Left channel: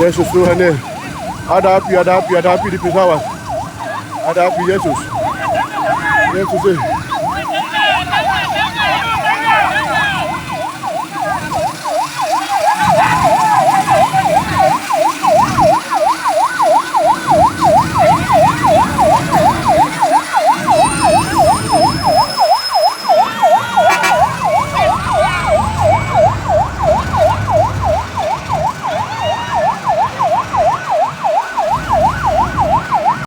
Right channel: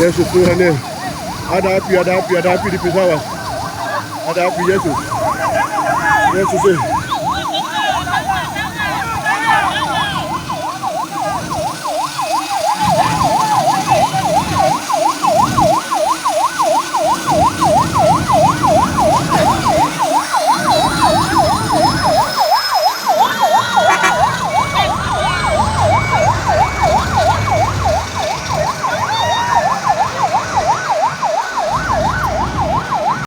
Yesus Tuhan ya. Ada api di pesawat. Ada api Yesus. Yesus